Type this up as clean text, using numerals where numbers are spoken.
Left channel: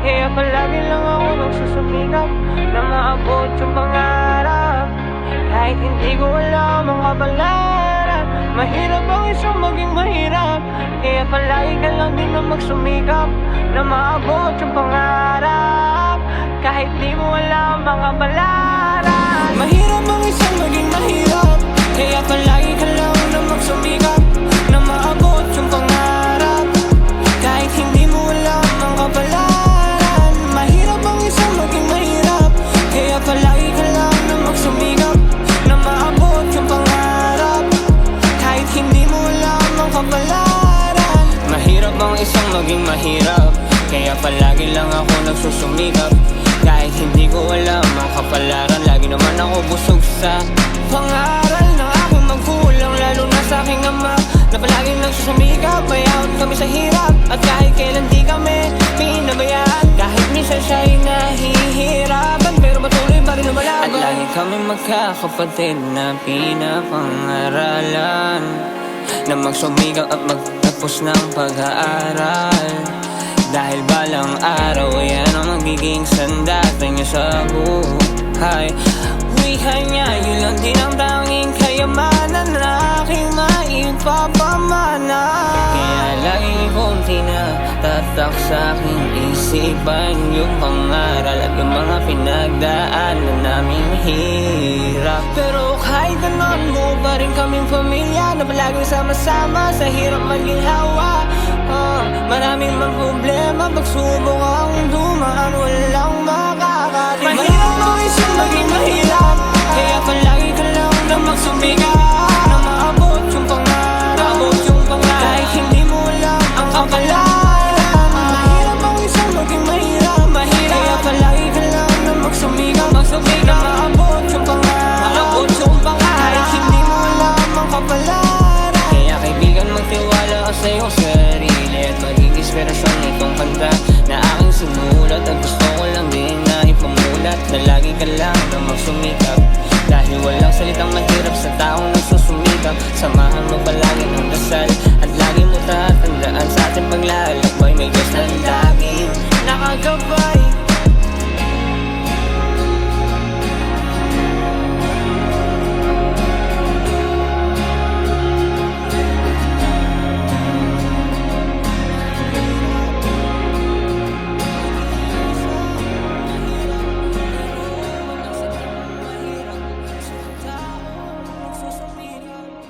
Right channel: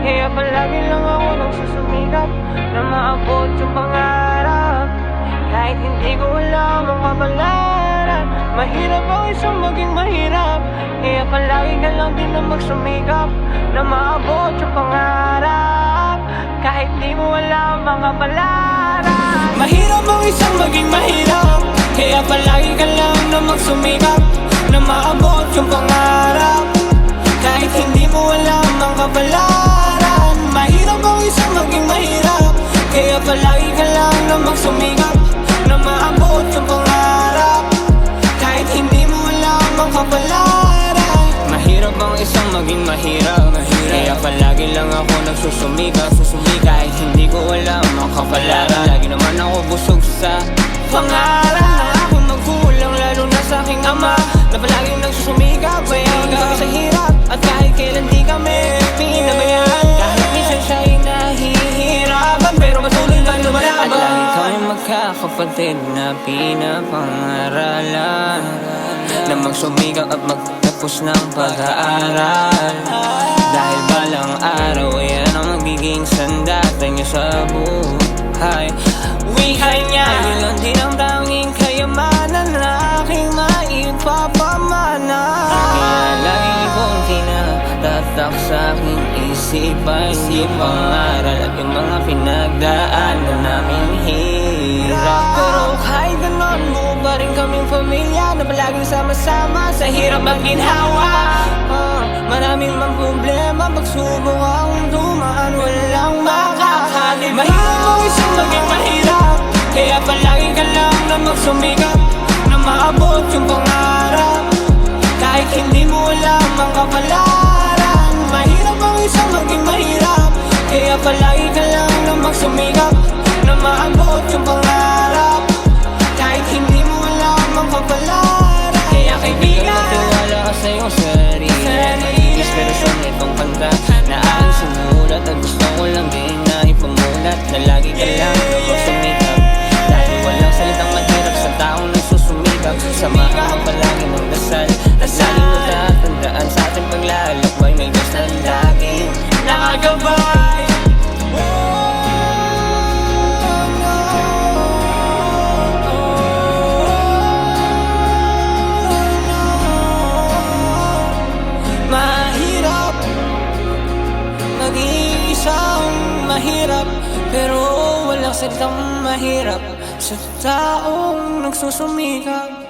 Kaya palagi lang ako nagsusumikap na maabot yung pangarap. Kahit hindi ko alam ang kapalaran, mahirap ang isang maging mahirap. Kaya palagi ka lang din na magsumikap na maabot yung pangarap. Kahit di mo alam ang kapalaran, mahirap ang isang maging mahirap. Kaya palagi ka lang na magsumikap na maabot yung pangarap. Kahit hindi mo alam ang kapalaran, mahirap ang isang maging mahirap. Kaya palagi ka lang na magsumikap na maabot yung pangarap. Kahit hindi mo alam ang kapalaran, mahirap ang isang maging mahirap. Kaya palagi lang ako nagsusumikap. Kahit hindi ko alam ang kapalaran, lagi naman ako busog sa pangalan ng aking magulang, lalo na sa aking ama, na palaging nagsusumikap. Mayaon kami sa hirap at kahit kailan di kami pinabayaan. Kahit minsan siya'y nahihirapan, pero patuloy pa rin lumalaban. At lagi kami magkakapatid na pinapangaralan na magsumikap at magtapos ng pag-aaral. Dahil balang araw, yan ang magiging sandata niya sa buhay. Wika niya, yun lang din ang tanging kayamanan na aking maipapamana. Kaya laging kong tinatatak sa aking isipan yung pangaral at yung mga pinagdaanan naming hirap. Pero kahit ganon, buo pa rin kaming pamilya na palaging sama-sama sa hirap maginhawa. Maraming mang problema, pagsubok ang dumaan, walang makakatid. Mahirap ang isang maging mahirap. Kaya palagi ka lang na magsumikap na maabot yung pangarap. Kahit hindi mo alam ang kapalaran, mahirap ang isang maging mahirap. Kaya palagi ka lang na magsumikap na maabot yung pangarap. Kahit hindi mo alam ang kapalaran. Kaya kaibigan, magtiwala ka sa iyong sarili at maging inspirasyon itong kanta na aking sinulat. At gusto ko lang din na ipamulat na lagi ka lang na magsumikap. Dahil walang salitang mahirap sa taong nagsusumikap. Samahan mo palagi ng dasal at lagi mo tatandaan sa ating paglalakbay may Diyos na laging nakagabay. Mahirap maging isang mahirap, pero walang salitang mahirap sa taong nagsusumikap.